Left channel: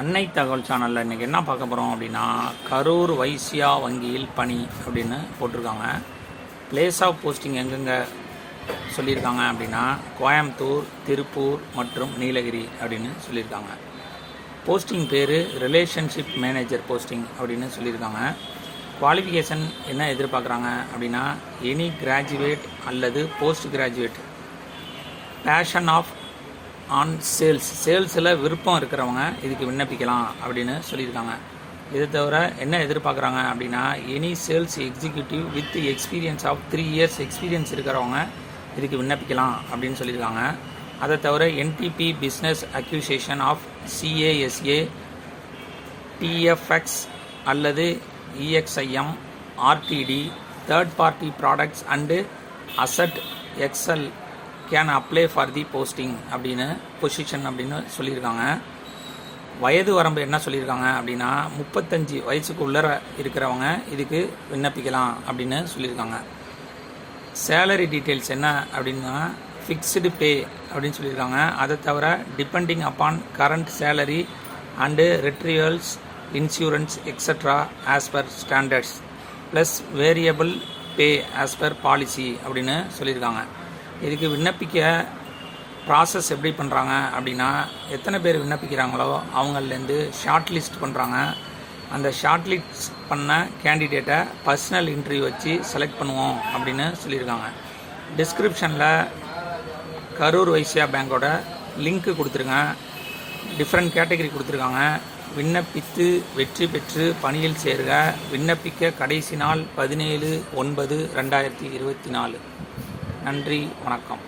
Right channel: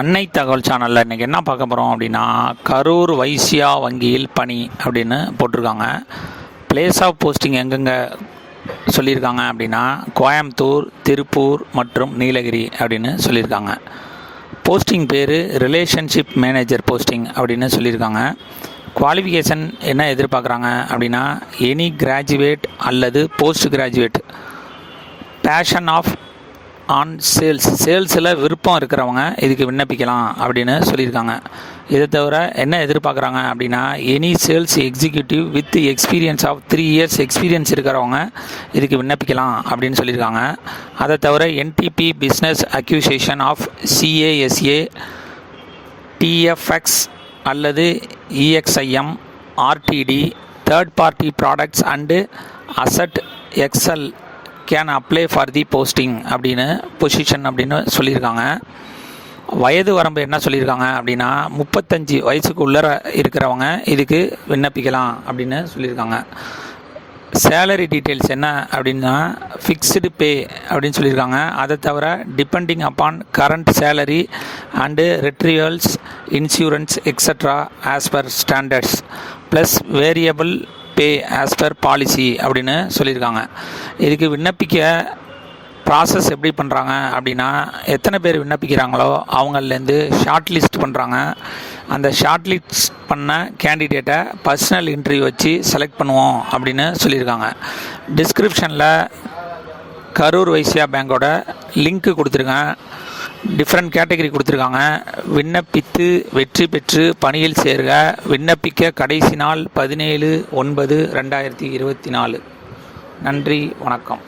அன்னை தகவல் சேனலில் இன்றைக்கி என்ன பார்க்க போகிறோம் அப்படின்னா, கரூர் வைசியா வங்கியில் பணி அப்படின்னு போட்டிருக்காங்க. பிளேஸ் ஆஃப் போஸ்டிங் எங்கெங்கே சொல்லியிருக்காங்க அப்படின்னா, கோயம்புத்தூர், திருப்பூர் மற்றும் நீலகிரி அப்படின்னு சொல்லியிருக்காங்க. போஸ்டிங் பேர் ரிலேஷன்ஷிப் மேனேஜர் போஸ்டிங் அப்படின்னு சொல்லியிருக்காங்க. குவாலிஃபிகேஷன் என்ன எதிர்பார்க்குறாங்க அப்படின்னா, எனி கிராஜுவேட் அல்லது post graduate passion of on சேல்ஸில் விருப்பம் இருக்கிறவங்க இதுக்கு விண்ணப்பிக்கலாம் அப்படின்னு சொல்லியிருக்காங்க. இதை தவிர என்ன எதிர்பார்க்குறாங்க அப்படின்னா, any sales executive with experience of 3 years experience இருக்கிறவங்க இதுக்கு விண்ணப்பிக்கலாம் அப்படின்னு சொல்லியிருக்காங்க. அதை தவிர NTB business acquisition of CASA, TFX அல்லது EXIM, RTD, third party products and asset excel can apply for the posting அப்படின்னு பொசிஷன் அப்படின்னு சொல்லியிருக்காங்க. வயது வரம்பு என்ன சொல்லியிருக்காங்க அப்படின்னா, 35 வயசுக்கு உள்ளர இருக்கிறவங்க இதுக்கு விண்ணப்பிக்கலாம் அப்படின்னு சொல்லியிருக்காங்க. சேலரி டீட்டெயில்ஸ் என்ன அப்படின்னா, ஃபிக்ஸ்டு பே அப்படின்னு சொல்லியிருக்காங்க. அதை தவிர depending upon current salary and retirals insurance extra as per standards plus variable pay as per policy அப்படின்னு சொல்லியிருக்காங்க. இதுக்கு விண்ணப்பிக்க ப்ராசஸ் எப்படி பண்ணுறாங்க அப்படின்னா, எத்தனை பேர் விண்ணப்பிக்கிறாங்களோ அவங்கள்லேருந்து ஷார்ட் லிஸ்ட் பண்ணுறாங்க. அந்த ஷார்ட் லிஸ்ட் பண்ண கேண்டிடேட்டை பர்சனல் இன்டர்வியூ வச்சு செலக்ட் பண்ணுவோம் அப்படின்னு சொல்லியிருக்காங்க. டிஸ்கிரிப்ஷனில் கரூர் வைசியா பேங்கோட லிங்க்கு கொடுத்துருக்கேன். டிஃப்ரெண்ட் கேட்டகரி கொடுத்துருக்காங்க. விண்ணப்பித்து வெற்றி பெற்று பணியில் சேர்க. விண்ணப்பிக்க கடைசி நாள் 17/9/2024. நன்றி, வணக்கம்.